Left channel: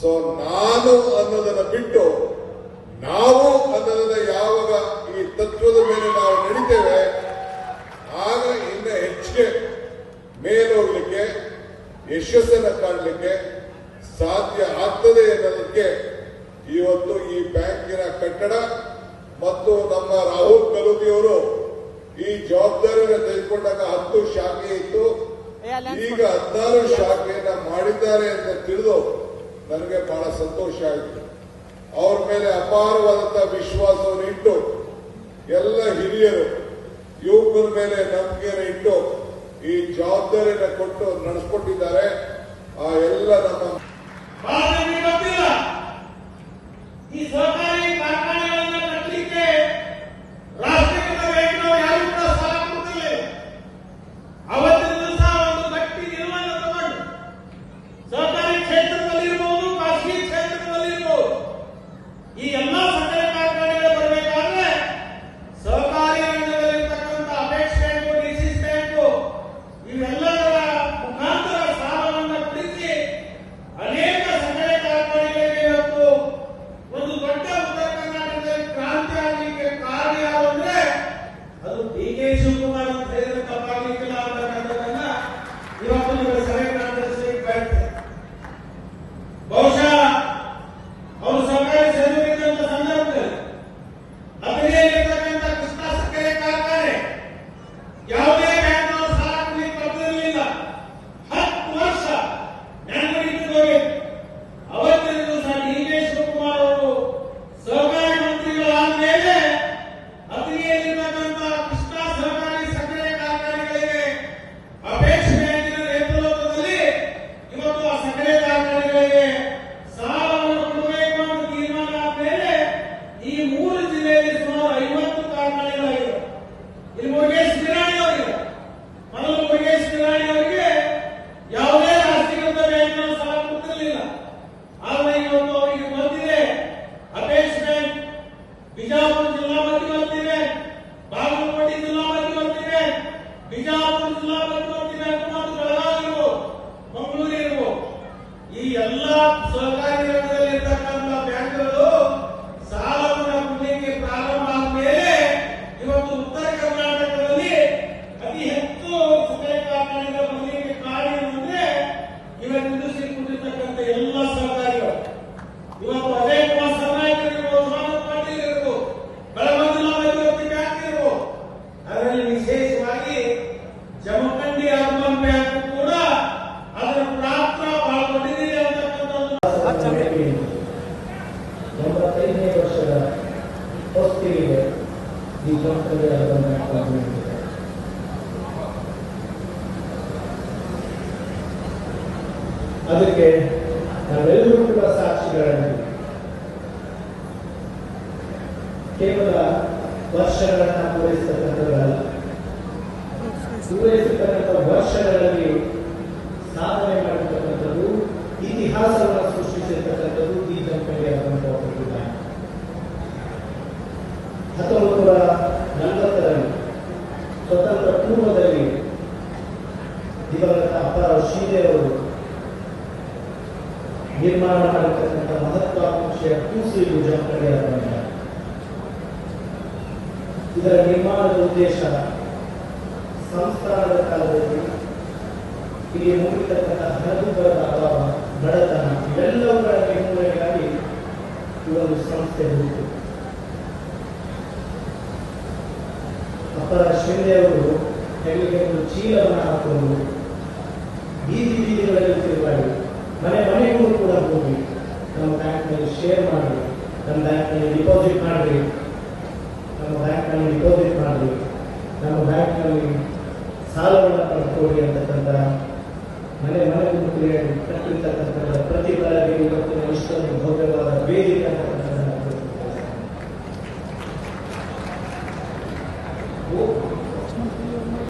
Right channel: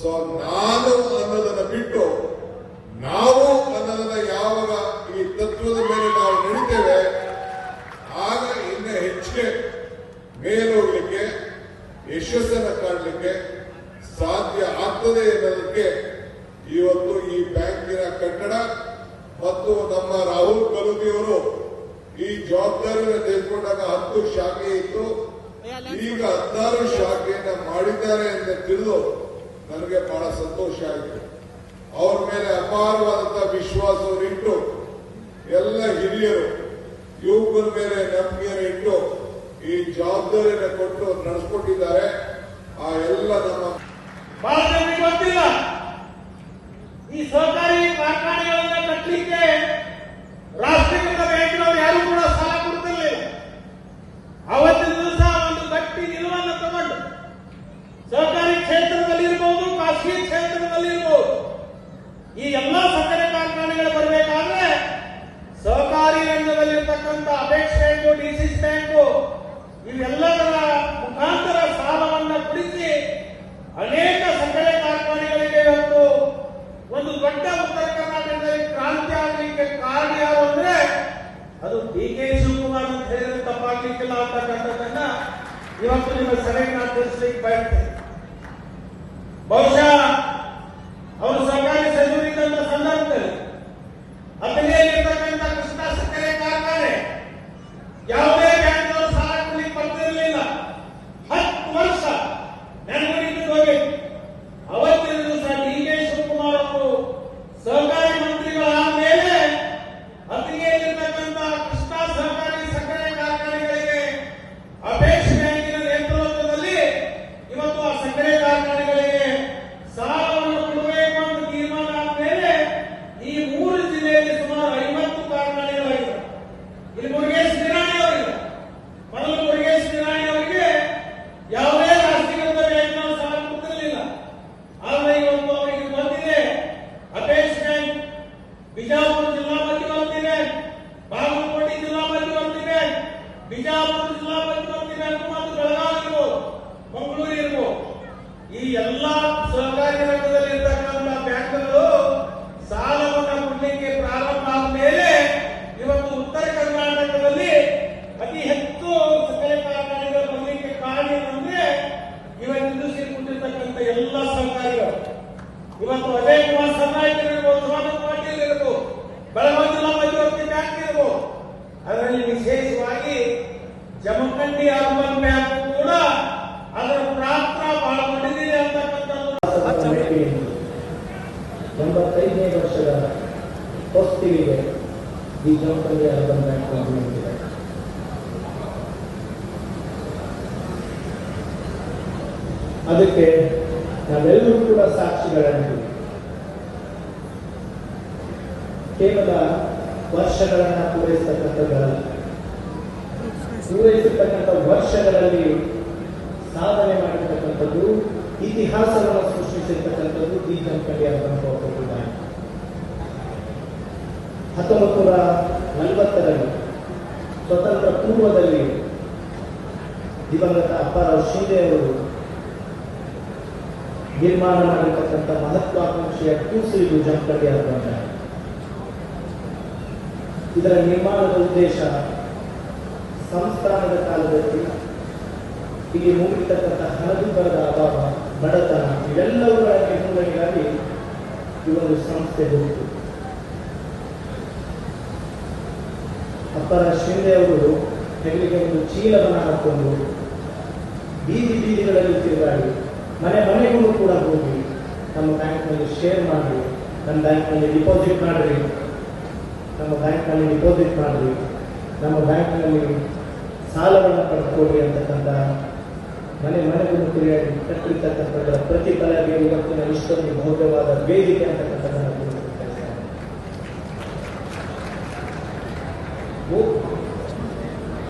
So ನಾನು ಅನ್ನೋದನ್ನ ಬಿಟ್ಟು ನಾವು ಅನ್ನೋದನ್ನ ಯಾವಾಗ ಈ ತತ್ವದ ಮೇಲೆ ನಾವು ನಡೀತೇವೆ ಆಗ ಇನ್ನು ಹೆಚ್ಚಿಗೆ ಮೇಲೋಗ್ಲಿಕ್ಕೆ ಯಶಸ್ಸನ್ನು ಕಾಣಲಿಕ್ಕೆ ಸಾಧ್ಯ ಆಗ್ತದೆ ಅನ್ನೋದಕ್ಕೆ ಇವತ್ತು ಈ ಬ್ಯಾಂಕಿನ ಕಟ್ಟಡ ಮತ್ತು ನಮ್ಮ ರಾಹುಲ್ ಕಲುದಿಯವರು ಈ ಜವಾಬ್ದಾರಿಯನ್ನು ತೆಗೆದುಕೊಂಡಾಗ 10 ಶಾಖೆ ಇತ್ತು, ಈಗ 16 ಶಾಖೆಯನ್ನ ಮಾಡಿದ್ದಾರೆ ಅಂತ ತಿಳಿದು ನನಗೆ ಬಹಳ ಸಂತೋಷ ಆಯಿತು. ಅವ್ರ ಮೇಲೆ ಅಪಾರವಾದಂತಹ ವಿಶ್ವಾಸವನ್ನು ಇಟ್ಟು ಎಲ್ಲ ಹಿರಿಯರು ಯುವಕರ ಮೇಲೆ ನಂಬಿಕೆಯನ್ನು ಇಟ್ಟು ಈ ಜವಾಬ್ದಾರಿಯನ್ನು ಕೊಟ್ಟು ನಡೆಸಿಕೊಟ್ಟಿದ್ದಾರೆ. ಆ ಎಲ್ಲ ನಮ್ಮ ಈ ಸಹಕಾರಿ ಕಾರ್ಖಾನೆಗಳನ್ನ ಕಟ್ಟಲಿಕ್ಕೆ ರಾಷ್ಟ್ರೀಕೃತ ಬ್ಯಾಂಕಿನವರು ಯಾರು ಕೂಡ ಸಾಲ ಕೊಡ್ತಿಲ್ಲ. ಅವತ್ತಿನ ದಿವಸ ಒಂದು ಗಟ್ಟಿ ನಿರ್ಣಯ ತಗೊಂಡು ಸಹಕಾರಿ ಕ್ಷೇತ್ರದಲ್ಲಿ ಇರಬಹುದು, ಖಾಸಗಿ ಕ್ಷೇತ್ರದಲ್ಲಿ ಇರಬಹುದು, ಈ ಎಲ್ಲಾ ಸಕ್ಕರೆ ಕಾರ್ಖಾನೆಗಳು ಬರಬೇಕಾದ್ರೆ ಸಹಕಾರಿ ರಂಗದಲ್ಲಿರ್ತಕ್ಕಂಥ ಅಪೆಕ್ಸ್ ಬ್ಯಾಂಕು, ಡಿಸಿಸಿ ಬ್ಯಾಂಕು ಇವೆಲ್ಲದರ ಮುಖಾಂತರ ಸಾಲವನ್ನು ಕೊಡಿಸಿ ಅನೇಕ ಸಕ್ಕರೆ ಕಾರ್ಖಾನೆಗಳಿಗೆ ಇವತ್ತು ಒಂದು ದೊಡ್ಡ ಉತ್ತರ ಕರ್ನಾಟಕದಲ್ಲಿ ಕ್ರಾಂತಿ ಆಗಲಿಕ್ಕೆ ಕಾರಣ ಯಾರು ಅಂದ್ರೆ ಅದು ಡಿ.ಕೆ. ಶಿವಕುಮಾರ್ ಅಂತ ಹೇಳಿದ್ರೆ ತಪ್ಪಾಗಲಿಕ್ಕಿಲ್ಲ ಅಂತಕ್ಕಂಥದ್ದನ್ನ ಇವತ್ತು ನಿಮಗೆ ಸಭೆ ತಿಳಿಸಲಿಕ್ಕೆ ಬಯಸ್ತೇನೆ. ಬಹುಶಃ ಅವರು ಸರ್ಕಾರಿ ಸೇವೆಗಿದ್ದಂತ ಸಂದರ್ಭದಲ್ಲಿ ಅತನಿಯಲ್ಲಿರ್ತಕ್ಕಂಥ ಕೃಷ್ಣ ಸಕ್ಕರೆ ಕಾರ್ಖಾನೆ ಯಾವುದೇ ಬ್ಯಾಂಕ್ನವರು ಸಾಲ ಕೊಡಲಿಕ್ಕೆ ಬರ್ತಿರಲಿಲ್ಲ. 10 ವರ್ಷ ನೆನಪಿಟ್ಟು ಹೋಗಿತ್ತು. ಅವತ್ತಿನ ದಿವಸ ಡಿ.ಕೆ. ಶಿವಕುಮಾರ್ ಅವರು ಸಹಕಾರಿ ಮಂತ್ರಿಗಳಾದ ಮೇಲೆ ಅತಿಗೆಯಲ್ಲಿರ್ತಕ್ಕಂಥ ಕೃಷ್ಣ ಸಹಕಾರಿ ಸಕ್ಕರೆ ಕಾರ್ಖಾನೆಗಳಿಗೆ ಅಪೆಕ್ಸ್ ಬ್ಯಾಂಕಿನ ನೇತೃತ್ವದಲ್ಲಿ ಇವತ್ತು ಆ ಸಕ್ಕರೆ ಕಾರ್ಖಾನೆಗಳಿಗೆ ಸಾಲವನ್ನು ಕೊಡಬೇಕು ಅಂತ ತೀರ್ಮಾನ ಆದ ಮೇಲೆ ಈ 3 ಜಿಲ್ಲೆಯಲ್ಲಿ ಸುಮಾರು 50 ಕಾರ್ಖಾನೆಗಳಾಗಿವೆ. ಇಲ್ಲಿ ಮುರುಗೇಶ್ ನಿರಾಣಿ ಅವರಿಗೆ ಮೊದಲು ಮುರುಗೇಶ್ ನಿರಾಣಿ ಅವರಿಗೆ ಯಾವುದೇ ರಾಷ್ಟ್ರೀಕೃತ ಬ್ಯಾಂಕಿನ ಸಾಲ ಕೊಡ್ತಿರಲಿಲ್ಲ. ಆದರೆ ಇವತ್ತು ಅವರಿಗೆ ಬಂದಿದೆ ಅಪೆಕ್ಸ್ ಬ್ಯಾಂಕ್, ಬಿಜಾಪುರ ಜಿಲ್ಲಾ ಮಧ್ಯವರ್ತಿ ಬ್ಯಾಂಕ್, ಬಾಗಲಕೋಟೆ ಜಿಲ್ಲಾ ಮಧ್ಯವರ್ತಿ ಬ್ಯಾಂಕ್, ಬಿಜಾಪುರ ಜಿಲ್ಲಾ ಮಧ್ಯವರ್ತಿ ಬ್ಯಾಂಕ್ ಮತ್ತು ಬೆಳಗಾವಿ ಇರ್ಬೋದು, ಮಂಗಳೂರು ಇರ್ಬೋದು, ಈ ಎಲ್ಲಾ ಸಹಕಾರಿ ರಂಗದಲ್ಲಿ ಇರ್ತಕ್ಕಂಥ ಬ್ಯಾಂಕ್ಗಳು ಸಾಲವನ್ನು ಕೊಡಲಿಕ್ಕೆ ಪ್ರಾರಂಭ ಆದ ಮೇಲೆ ಇವತ್ತು ಉತ್ತರ ಕರ್ನಾಟಕದಲ್ಲಿ ಅತಿ ಹೆಚ್ಚು ಸಕ್ಕರೆ ಕಾರ್ಖಾನೆಗಳು ಬರಲಿಕ್ಕೆ ಕಾರಣ ಏನಂದ್ರೆ ಇವತ್ತು ಇಂಡಸ್ಟ್ರಿ ಕುಂದಿರ್ತಕ್ಕಂಥ ಎಲ್ಲ ಸಹಕಾರಿಗಳು. ಇವತ್ತು ಅಜಯ್ ಕುಮಾರ್ ಸರ್ನಾಯಕ್ ಇರ್ಬೋದು, ಸ್ವಾಗತ್ ಪಾಟೀಲ್ ಇರ್ಬೋದು, ಬೆಳಗಾವಿ ಜಿಲ್ಲಾ ಮಧ್ಯವರ್ತಿ ಬ್ಯಾಂಕ್ ಇರ್ಬೋದು, ಅದರಲ್ಲಿ ವಿಶೇಷವಾಗಿ ಜಮಖಂಡಿ ಅರ್ಬನ್ ಬ್ಯಾಂಕ್ ಕೂಡ ಅದರ ಪಾತ್ರ ಬಹಳ ದೊಡ್ಡದಿದೆ ಅಂತಕ್ಕಂಥದ್ದು 85ನೇ ವರ್ಷದ ಹೊಸ್ತಿಗೆ ಈ ಜಮಖಂಡಿ ಅರ್ಬನ್ ಬ್ಯಾಂಕ್ ಬಂದಿದೆ. ಅದಕ್ಕೆ ನಾವೆಲ್ಲರೂ ಕೂಡ ಸಾಕ್ಷಿಗಳಾಗಿದ್ದೀವಿ. ಕೇವಲ ವರ್ಷಗಳನ್ನ ಪೂರೈಸತಕ್ಕಂಥದ್ದಲ್ಲ, ಪೂರೈಸತಕ್ಕಂಥ ವರ್ಷಗಳಲ್ಲಿ ಸಾಧನೆ ಮಾಡಿರ್ತಕ್ಕಂಥದ್ದು, ಇತಿಹಾಸವನ್ನು ಸೃಷ್ಟಿಸಿರ್ತಕ್ಕಂಥದ್ದು ಈ ಜಮಖಂಡಿ ಅರ್ಬನ್ ಕೋಆಪರೇಟಿವ್ ಬ್ಯಾಂಕ್. 1940ರಲ್ಲಿ ಸ್ವತಂತ್ರ ಪೂರ್ವದಲ್ಲಿ ದಿವಂಗತ ಅಪ್ಪಾರಾವ್ ಶಿಂದೆ ಅವರು ನಿರ್ಮಾಣ ಮಾಡಿರ್ತಕ್ಕಂಥ ಮಹತ್ವಾಕಾಂಕ್ಷೆಯ ಕೂಸಿಲು ಜಮಖಂಡಿ ಅರ್ಬನ್ ಬ್ಯಾಂಕ್. ಇದರ ನಿರ್ಮಾಣದ ಉದ್ದೇಶ ಸಂಸ್ಥಾನದ ಕಾಲದಲ್ಲಿ ಇಲ್ಲಿ ಮೂಡಿರ್ತಕ್ಕಂಥ ಹಣದುಬ್ಬರದ ಅಭಾವ, ಬಡತನ ಇವೆಲ್ಲವುಗಳ ನಿರ್ಮೂಲನೆಗಾಗಿ ಈ ಒಂದು ಸಂಸ್ಥೆ ಹುಟ್ಟಿತು. ಅಪ್ಪಾರಾವ್ ಶಿಂದೆ ಅವರು ಹೆಗಲಿಗೆ ಒಂದು ಚೀಲವನ್ನು ಹಾಕೊಂಡು ಬೀದಿ ಬೀದಿಗಳಲ್ಲಿ ತಿರುಗಾಡಿ ಮನೆ ಮನೆಗೂ ಕೂಡ ಹೋಗಿ ನಮ್ಮ ಬ್ಯಾಂಕ್ನಲ್ಲಿ ಶೇರ್ ಮಾಡಿ, ನಮ್ಮ ಬ್ಯಾಂಕ್ನಲ್ಲಿ ಡಿಪಾಸಿಟ್ ಮಾಡ್ರಿ, ನಮ್ಮ ಬ್ಯಾಂಕ್ನಲ್ಲಿ ಡಿಪಾಸಿಟ್ ಮಾಡ್ರಿ, ನಮ್ಮ ಬ್ಯಾಂಕ್ನಲ್ಲಿ ಸಾಲವನ್ನು ಪಡ್ಕೊಳ್ಳಿ ಅಂತಕ್ಕಂಥ ಮನೆ ಮನೆಗೂ ತಿರುಗಾಡಿ ಕಟ್ಟಿರ್ತಕ್ಕಂಥ ಪ್ರತಿಫಲಗೆ ಇವತ್ತಿನ ಇಷ್ಟೊಂದು ಭವ್ಯವಾದ ವೇದಿಕೆ ಅಂತ